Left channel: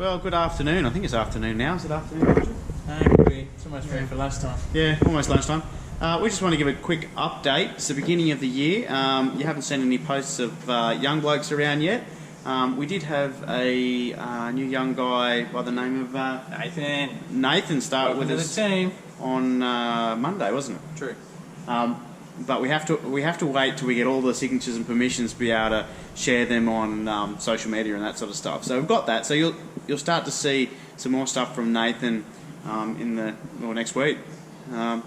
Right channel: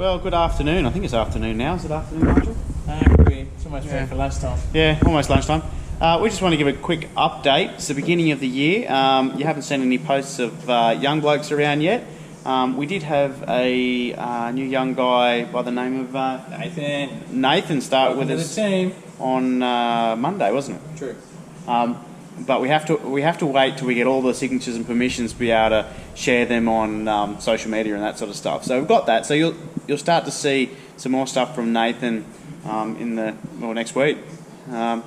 Well, good afternoon. I think it's afternoon now. Is it afternoon, Nigel? Could be. It's almost ready for lunchtime. Yeah, almost lunchtime. We just want to give a quick update. It's the beginning of the year. You haven't seen any posts of young blokes around yet. We did have a new young guy by the name of Nathan start with us on Monday, wasn't it? True. But we have to wait till we get all the signatures and permissions to be able to share them on social media and that sort of stuff. So we've got that. So you'll start to see some more stuff from Nathan in the next week. Yeah,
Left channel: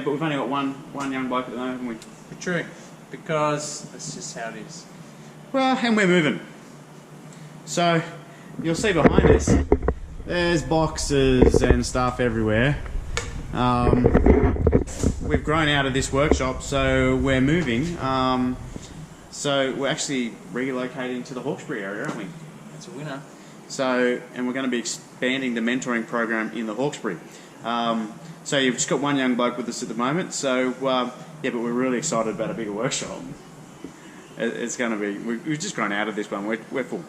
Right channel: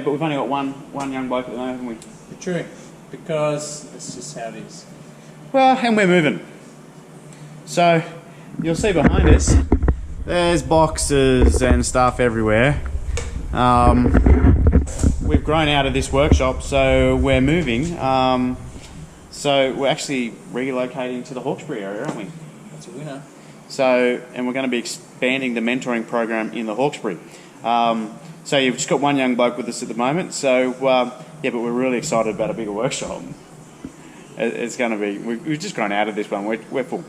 but we've only got one young bloke at the moment, haven't we? True, because that's just how it is. Well, and we're moving. So you'll see behind us, there's boxes and stuff everywhere. We've grown out of this workshop, so we're moving. So we're actually relocating to the Hawkesbury area, aren't we? That's a winner. So, and we're going to be expanding the mentoring program in the Hawkesbury. So you've just got one young bloke with us at the moment. So yeah, but we're really excited about a bigger workshop. It's going to be. We've just grown out of this one. We're full.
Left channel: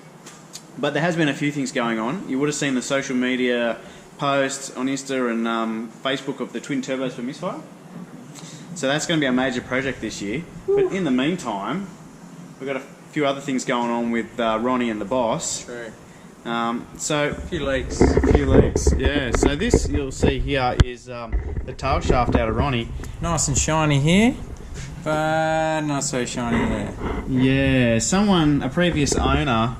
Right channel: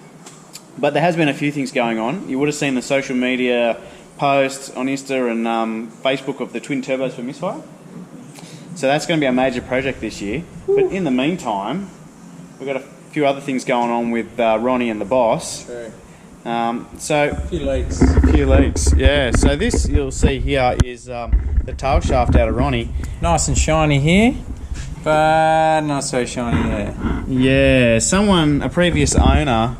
But there has been a few things going on. You would have seen the social media posts on Insta and Facebook of the twin turbos for Missfire. So that's going to be a major project this year. But in the meantime, we've got a few other things going on with Ronnie and the boss. True. So a few leaks. Yeah. So this you'll see here is the tail shaft out of Ronnie. Nice and shiny here, but not so shiny there. Yeah, a previous owner,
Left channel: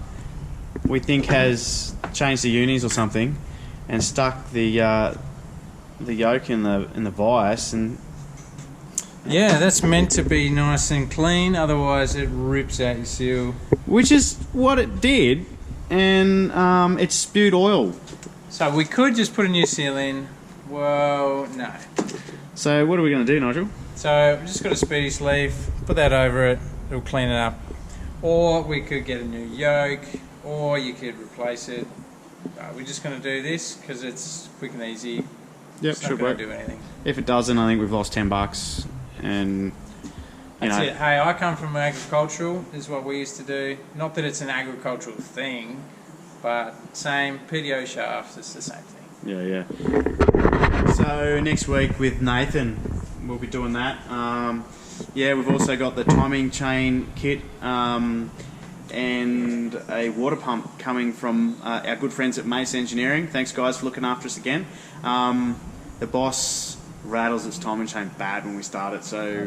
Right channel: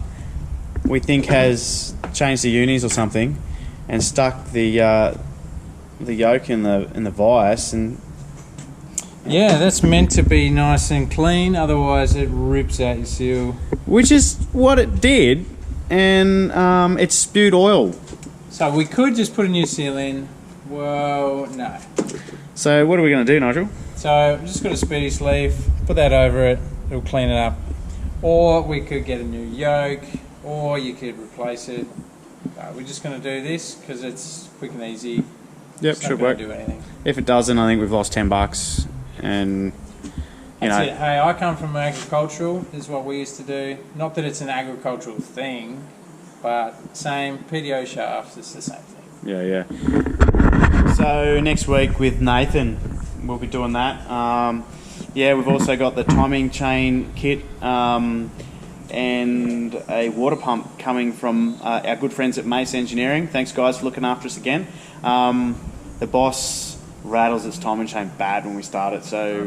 we think has changed the unis or something, and stuck the yoke in the vice, and yeah, that's meant to be nice and clean. Otherwise, it rips out your seal. Which is what it did, and it spewed oil. So we could just put a new seal in. Well, no. So what are we going to do, Nigel? So we've just got a speedy sleeve. Put that over it. It'll clean it up. Or we could get a new yoke, or you could replace it. We're just going to do this because it's quick and easy. Yep, it's not should going work. to do anything. If it doesn't, I think we've lost $10, and That's it. Hey, I come from agricultural. This is what we used to do. Not that it's an agricultural thing, but same PDO shafts. It's the same thing. Yeah. So next week with Nathan, we'll be doing that. Yeah, we've also got the timing chain kit and a water pump coming from our good friends at Mace Engineering. Thanks, guys, for looking after us again. The boss rattles its timing chain bad when we start it, so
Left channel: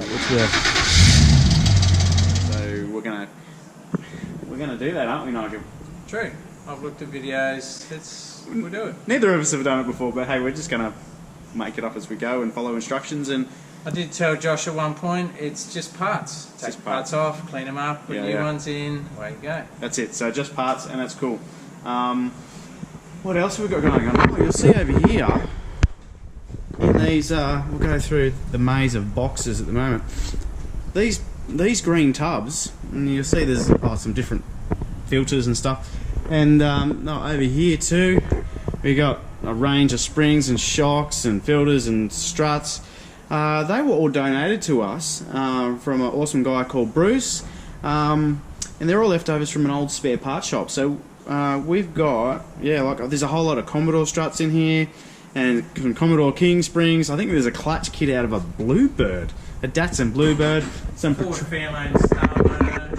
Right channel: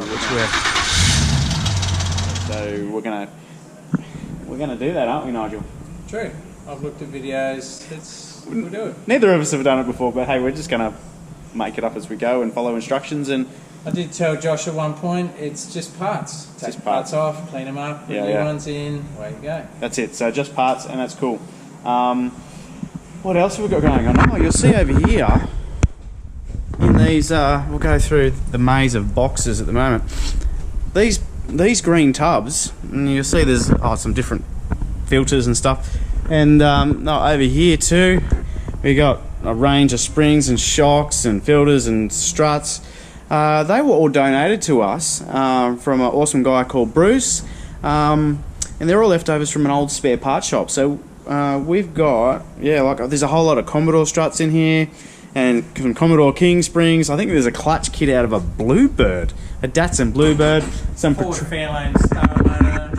we're gonna do that, aren't we, Nigel? True. I've looked at videos. We'll do it. Neither of us have done it before, but hey, we're just gonna make it up as we go and follow instructions. And I did tell Josh at one point, it's just parts. Take parts off, clean them up, put new ones in, away you go. That's it. So just parts, and that's cool. What else have we got going on? Oh, you'll see over here in these. We'll go through the maze of boxes at the moment. These green tubs, and you'll see there's some different filters and stuff. And over here too, we got a range of springs and shocks and filters and struts. They were all donated to us from an awesome guy called Bruce, and they're all leftovers from an old spare parts shop. So we've got there's a whole lot of Commodore struts in here, and from Commodore King springs. I think there's a clutch kit out of a Bluebird, a Datsun Bluebird. Some Ford Fairlane Star motor.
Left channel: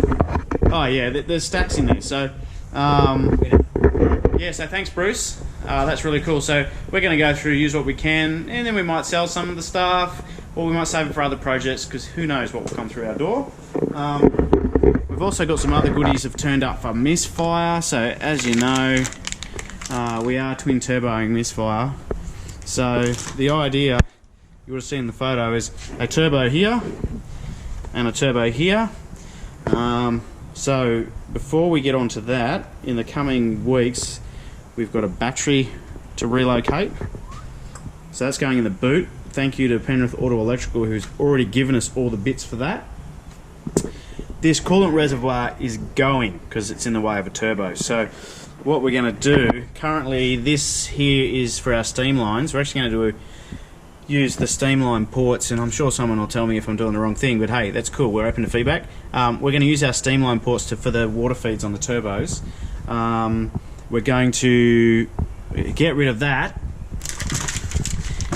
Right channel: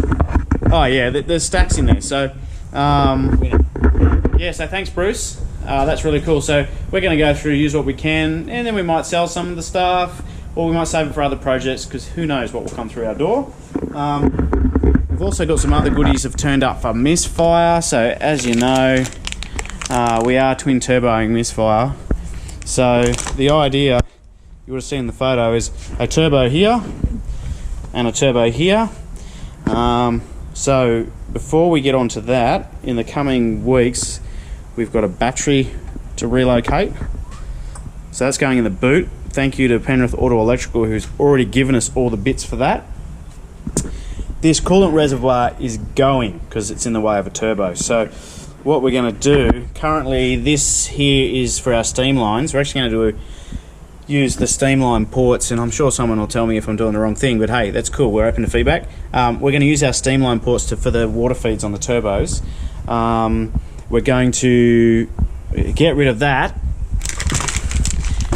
Oh yeah, there's stacks in there. So yeah, so thanks, Bruce. That's really cool. So we're going to go through, use what we can, and then we might sell some of the stuff, or we might save it for other projects, because who knows what will come through our door. We've also got some other goodies have turned up for Missfire. So as you know, we are twin turboing Missfire. So the idea, you would have seen the photo, is a turbo here and a turbo here. So before we get onto that, in the coming weeks, we've got a battery to relocate. So that's going in the boot. Thank you to Penrith Auto Electrical, who's already given us all the bits for that. This coolant reservoir is going because it's in the way of a turbo. So what we're going to do, currently this here is for our steam lines. We're actually going to use the steamline ports, and I'm sure someone will tell me if I'm doing the wrong thing, but hey, that's cool, we're open to feedback. We're going to use our steamline ports for the water feeds on the turbos, we're going to get rid of that.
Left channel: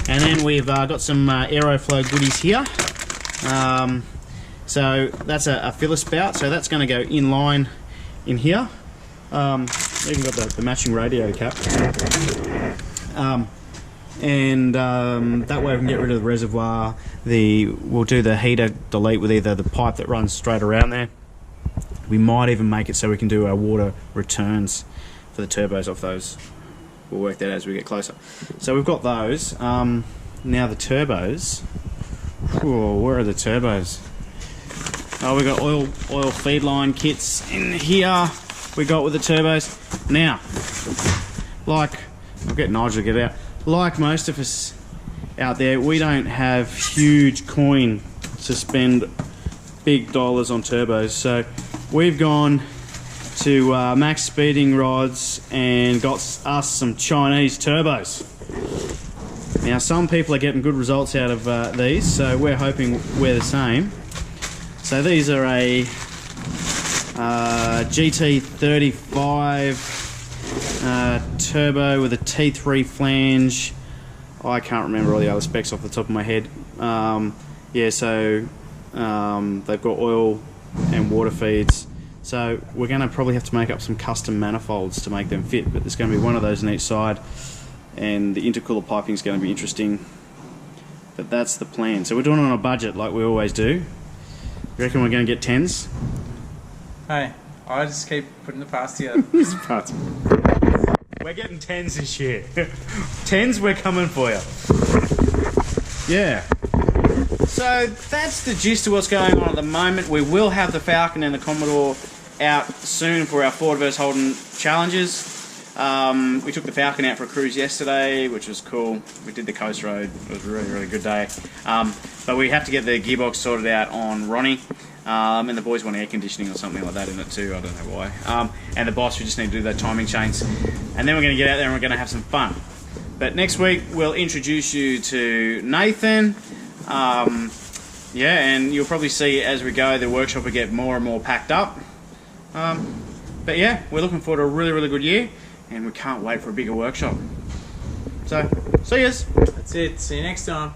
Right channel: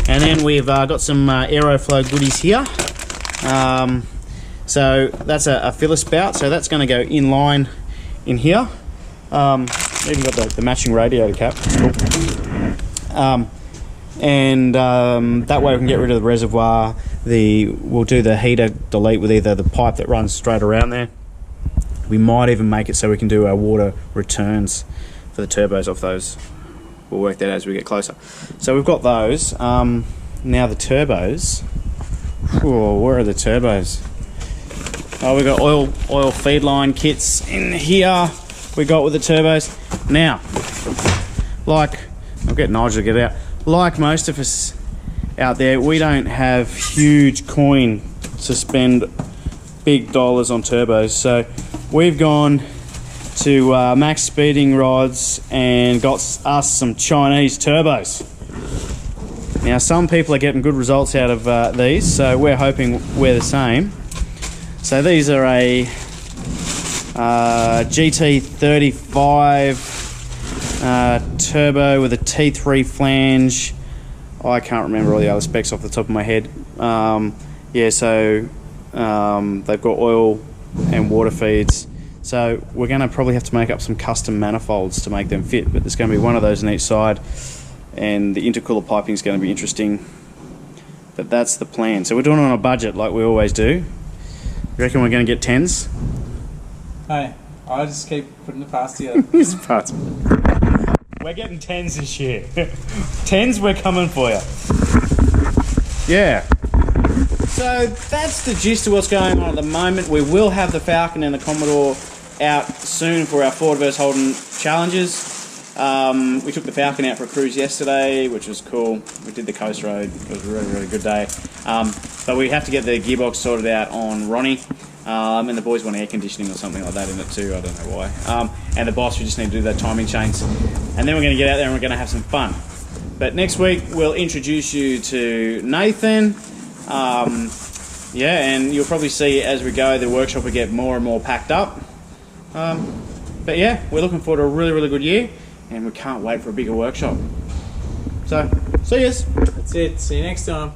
And then we've got some Aeroflow goodies here. So that's a filler spout, so that's going to go in line in here. Even got the matching radiator cap, it's cool. That way we can get rid of the reservoir. We'll do the heater delete with either the pipe that runs straight around there. We might even make it so we can do our water returns for the turbos off those. We'll work that out as we get closer. So we've got those. Now the turbos. Whoa, where are the turbos? Oh, we've got oil feed line kits in here. We got with the turbos. Now, I'll get Nigel to get it out. Like most of us out there, we don't have huge coin to spend big dollars on turbos. So we've gone to Max Speeding Rods and got us some Chinese turbos. Now some people are getting good results out of these, so we're hoping we're the same. So these are a GT35 turbo with a T3 flange. I can't remember all the other specs off the top of my head. Yeah, so they've got oil and water feeds. So we're going to probably have to make up some custom manifolds to make them fit, but there's going to be one of those on each side, and the intercooler piping is going to be interesting. But that's the plan. So we're doing it on a budget like we always do. You reckon we're going to get 10s? Hey, I just keep putting the parts together. We're getting 10s this year. 10s, we're coming for you. Yeah. So that's the gist of what's going on at the moment. We will have the Falcon and the Commodore out soon for our Ford vs Holden challenges. We took the Falcon out for a cruise yesterday, which was cool. We did the coast road. It was a really, really good day. But we have to get the gearbox sorted out on Ronnie. And the boys want air conditioning or something like that in it too, I don't know why. And the boss, we just need to do that timing chains. And then we're going to get out there and we're going to have some fun. But next week we'll introduce you to Nathan. Yeah, and you'll probably see as we go the workshop will get more and more packed up. But yeah, we're looking forward to a really, really good year, and we can't wait for a bigger workshop. So, see yous. That's it. See you next time.